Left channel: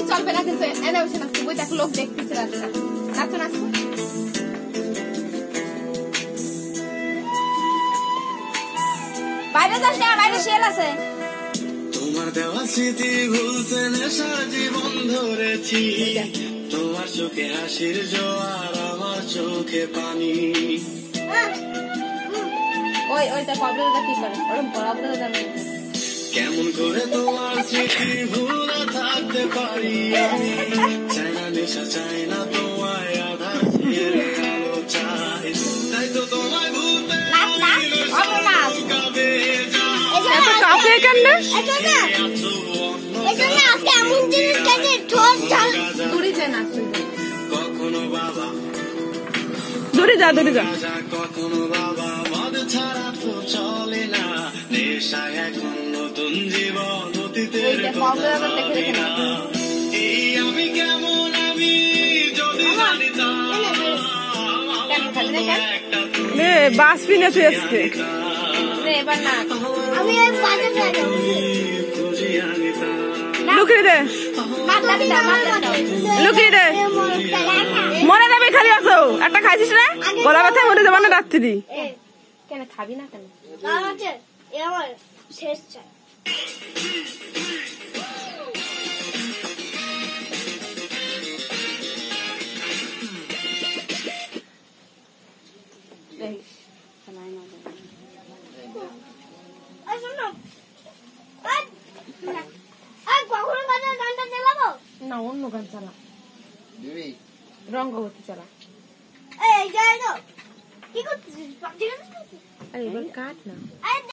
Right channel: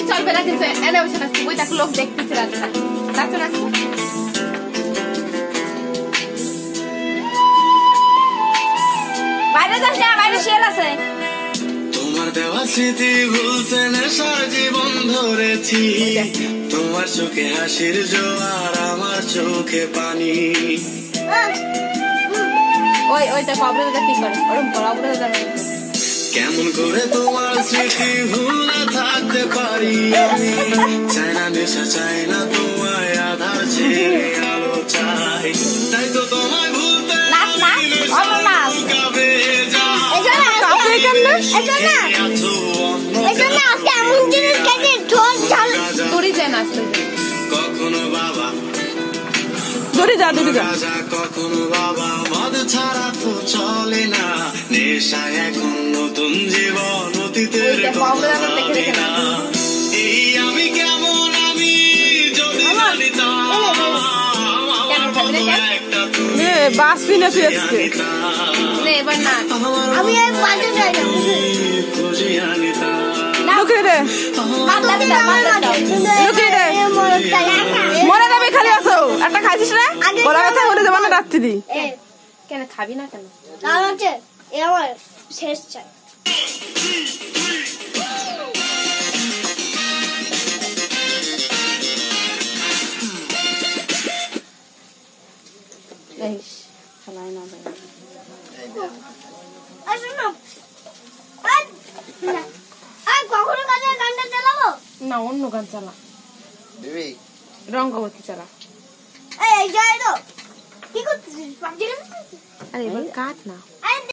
নাচলেই চলবে না, কিন্তু এনে বসে নাচতে বই তাকে লোক দেখতেছে রাস্তা নাচো নাচো। বাইরে যাস না, বাইরে শিয়াল আছে। তোমার দেওয়া স্মৃতি ভুলতে নেশা জীবন ধরেছি, তোমার চোখে হাসির জোয়ার আমার চোখে পানি। ওই ওইটা প্রবলেমটা কি করে ওরকম প্রবলেম যাবে। কেমন করে তোমার স্মৃতি ভুলে থাকতে পারি আমি, চাই না নেশা চাই না তোমায় আধা ছেড়ে আলো চাই, তাই তো তোমায় ভুলতে কখনো বাবা দূরে যা দূরে যা, কখনো বাবা মদ ছাড়া তো চলে না, নেশা এখন নতুন জীবন অতীতের এই আমি কেমন আমি যদি জানিতাম, বাস পিনে তুই আজকে এবার না লুকিয়ে দে লুকিয়ে দে, মরে যাবে খালি আছো। একটা খাইছিস না, গলা ব্যথা মরে যাবে না রাত্রি। কেন খাবি না কেন? আমার শেষ চাই। না অন্য গান চালা, রঙ্গবতী চালা। কি করতেছিস? আরে এবার কাট না।